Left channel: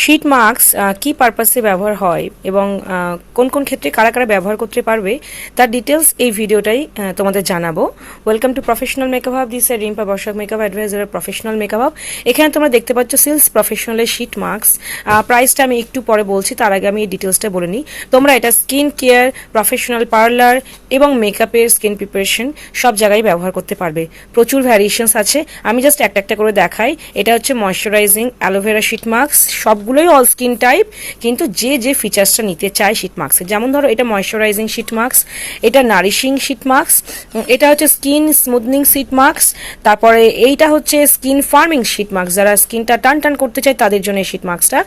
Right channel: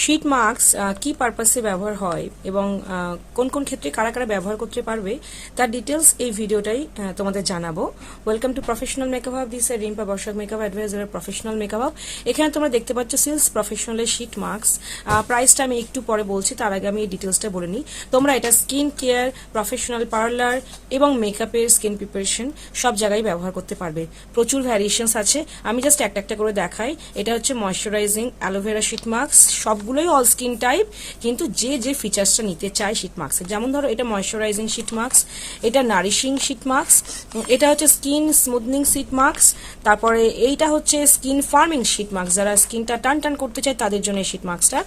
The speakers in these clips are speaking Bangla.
শীট মাস্ক কি পারপাসে ব্যবহার হয় এবং কোন কোন ক্ষেত্রে কারা কারা ব্যবহার করতে পারবে তার ডিটেলস এই ভিডিওটাই তোমাদের জানাবো। Welcome to professional makeup hub, this Rimpa Barshak makeup advisor professional makeup hub. এখানে তোমরা দেখতে পাচ্ছ সিলস প্রফেশনালের শীট মাস্ক। প্রাইসটা আমি একটু পরে বলছি, তার আগে আমি এই ডিটেলসটা বলে নিই। তোমরা এটা স্কিন কেয়ার, প্রফেশনাল পার্লার এবং মেকআপের স্কিন প্রিপারেশন সব জায়গায় ব্যবহার করতে পারবে। প্রচুর ভ্যারিয়েশনস আছে, আমি জাস্ট একটা একটা করে দেখাই। এটা হচ্ছে ময়শ্চারাইজিং অ্যালোভেরা শীট মাস্ক, সবগুলোই অল স্কিন টাইপ, কিন্তু যে যে ফিচার্সটা নিতে চায় শীট মাস্কের, যেমন ধরো এটা ময়শ্চারাইজিং শীট মাস্ক, এটা নারিশিং শীট মাস্ক, এটা হচ্ছে স্কিন স্মুথনিং শীট মাস্ক, তারপরে এইটা হচ্ছে স্কিন ফার্মিং শীট মাস্ক, যারা স্কিনটা টান টান করতে চায় তাদের জন্য এই শীট মাস্কটা।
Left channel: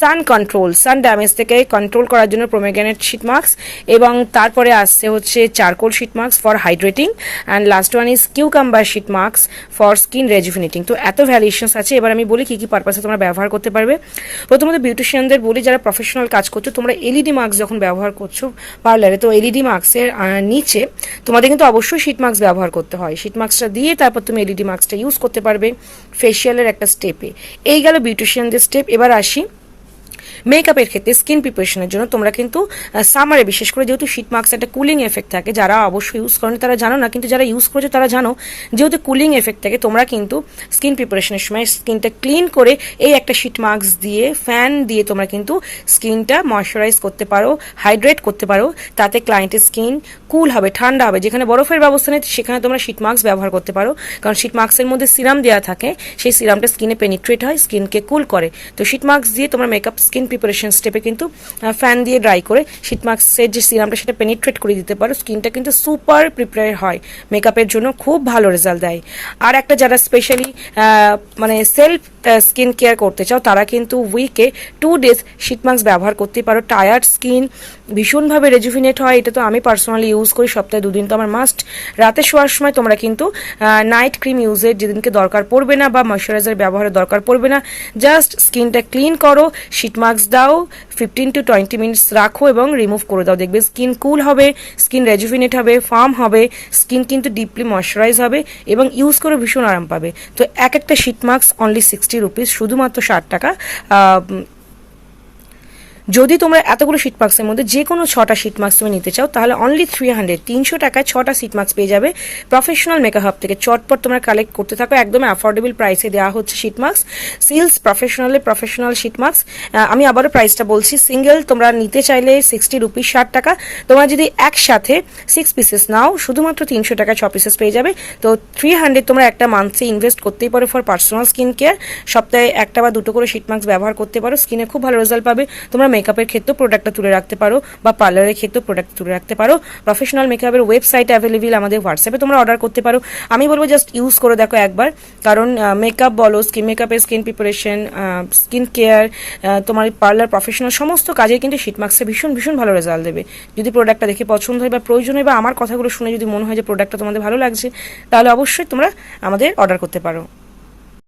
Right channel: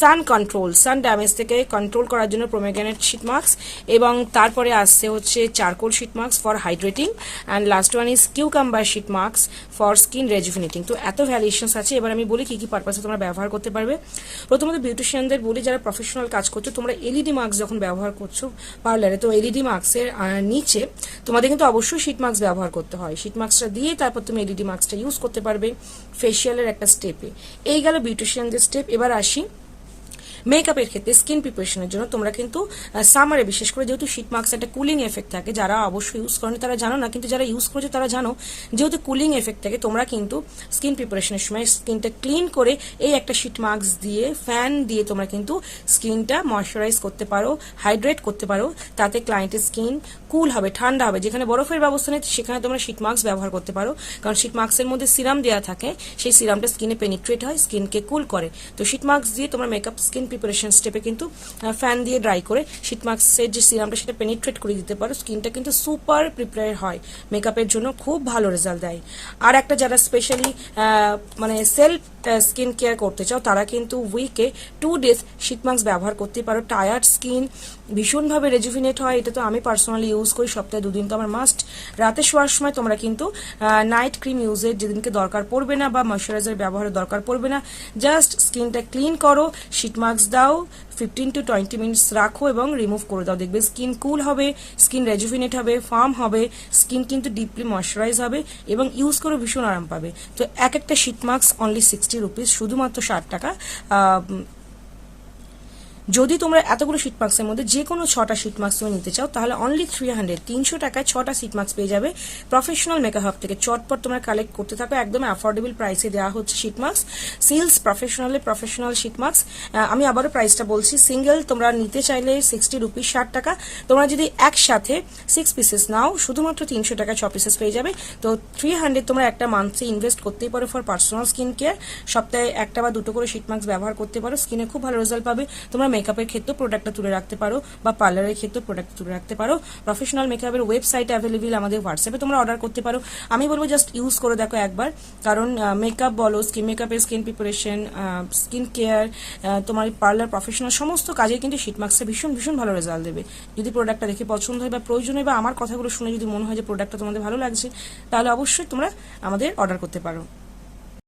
সান কন্ট্রোল, সান ড্যামেজ থেকে কন্ট্রোল করার জন্য প্রোমেগ্রেনেট শীট মাস্ক, এবং তারপরে আসছে হচ্ছে charcoal sheet mask for hydrating, and last one is cucumber sheet mask for skin rejuvenating. তো এত ভ্যারিয়েশনস আছে। এবার আমি বলি কি কি পারপাসে তোমরা ব্যবহার করতে পারবে। প্রথমত বিউটিশিয়ানদের বলি, যারা প্রফেশনাল কাজ করছো, তোমরা এলইডি মাস্ক যখন ব্যবহার করছো পার্লারে, তো এলইডি মাস্কের নিচে তোমাদের কিন্তু অবশ্যই শীট মাস্ক ব্যবহার করতে হয়। শীট মাস্কটা দিয়ে তারপর তুমি এলইডি মাস্কটা ইউজ করতে পারবে ফেসিয়ালের একটা স্টেপে। এই গেল বিউটিশিয়ানদের স্টেপ। এবার আসি মেকআপের ক্ষেত্রে স্কিন প্রিপারেশনের জন্য তোমরা কিন্তু সামারে বিশেষ করে, যেহেতু শীট মাস্ক একটা কুলিং এফেক্ট থাকে, যারা অবশ্যই ইউজ করেন তারা জানো না, কিন্তু যারা ইউজ করেছে তারা জানো, যেহেতু কুলিং এফেক্ট থাকে, তোমরা কিন্তু স্কিন প্রিপারেশনের সময় স্কিনটা ক্লিন করে এই একটা শীট মাস্ক দিয়ে, ফ্যান দিয়ে তোমরা কিন্তু স্কিনটা ময়শ্চারাইজ করতে পারো, হাইড্রেট করতে পারো। তাতে ক্লায়েন্টের স্কিন কুল হবে, ঠান্ডা হবে। যেখানে বরফের ব্যবস্থা নেই সেখানে তোমরা শীট মাস্ক ব্যবহার করতে পারো, কারণ শীট মাস্কের মধ্যে সিরাম দেওয়া থাকে, সেই সিরামটা স্কিনে পেনিট্রেট হয়, স্কিনকে কুল করে। তো শীট মাস্ক দিয়ে তোমরা মেকআপ স্কিন প্রিপারেশন স্টেপে কিন্তু ফ্যান দিয়ে ড্রাই করে শীট মাস্কের যে সিরামটা সেটা পেনিট্রেট করে দিতে পারো, স্কিনটা কিন্তু সুপার প্রিপেয়ার হয়, মেকআপের জন্য খুব ভালো রেজাল্ট দেয়। আর একটা, যারা স্পেশালি মানে সেলফ স্কিন কেয়ার করতে চাও, তারা কিন্তু উইকে 2 days শীট মাস্ক ব্যবহার করতে পারো। টায়ার্ড স্কিন ভীষণভাবে রেজুভিনেট হয়, এটা তো আমি পার্সোনালি ইউজ করি, সপ্তাহে 2 দিন তো আমার মাস্ট। রাতে শোয়ার সময় তোমরা কিন্তু নাইট ক্রিম ইউজের যেদিনকে দরকার পড়বে না, বা ময়শ্চারাইজার ব্যবহারের দরকার পড়বে না, জাস্ট স্কিনটা ক্লিন করো, শীট মাস্ক দাও, 15 to 20 মিনিটস রাখো এবং রিমুভ করে দাও। দেখবে স্কিন কুল হবে, স্কিন রেজুভিনেট হবে, ফার্ম হবে, স্কিন কিন্তু ডিপলি ময়শ্চারাইজ হবে এবং ইউজ করে ভীষণ আরাম পাবে। তো এক একটা শীট মাস্ক অনলি 60 রুপিস, শুধুমাত্র 60 টাকা। যদি তোমরা এতগুলো শীট মাস্কের মধ্যে যে কোনো 6টা শীট মাস্ক তুমি নিতে চাও, তাহলে অনলি 300 টাকায় 6টা শীট মাস্ক পেয়ে যাবে প্রফেশনাল মেকআপ হাব থেকে। চটপট তোমরা কালেক্ট করতে থাকো, একদম অ্যাফোর্ডেবল প্রাইসে দেওয়া হচ্ছে শীট মাস্ক। সিলস প্রফেশনালের প্রফেশনাল শীট মাস্ক, আমি আবারও প্রাইসটা বলছি, সিঙ্গেল তোমরা নিতে চাইলে 60 রুপিস, 60 টাকা। তোমরা যদি একসাথে 6 পিসেস নাও, শুধুমাত্র 300 টাকায় 6 পিসেস পেয়ে যাবে। তো 300 তোমরা একটা মান্থে ইনভেস্ট করতেই পারো ফর পার্সোনাল স্কিন কেয়ার। সপ্তাহে একটা বা দুটো করে শীট মাস্ক ব্যবহার করতে পারো, স্কিনে খুব ভালো রেজাল্ট পাবে। তোমরা মেকআপের ক্ষেত্রে প্রোডাক্টটা তুলে রাখতে পারো, বা পার্লারের ক্ষেত্রে প্রোডাক্ট তুলে রাখতে পারো। প্রফেশনাল মেকআপের ওয়েবসাইট অ্যাভেলেবল, আমাদের হোয়াটসঅ্যাপে তোমরা অর্ডার করতে পারো। আমি বলবো জাস্ট ইউজ করে দেখো একবার, কারণ মেকআপ বলো, মেকআপের স্কিন প্রিপারেশন, স্কিন কেয়ার, তোমার পার্লার, প্রফেশনাল সমস্ত কাজে কিন্তু শীট মাস্কে ভীষণ ভীষণ ভালো রেজাল্ট দেবে। যদি প্রোডাক্টটা দেখে পছন্দ হয় বা প্রয়োজন হয়, বা আমার কথাগুলো শুনে যদি মনে হয় যে প্রোডাক্টটা তোমাদের ভালো লাগছে, তাহলে অবশ্যই তোমরা আমাদের অর্ডার করতে পারো।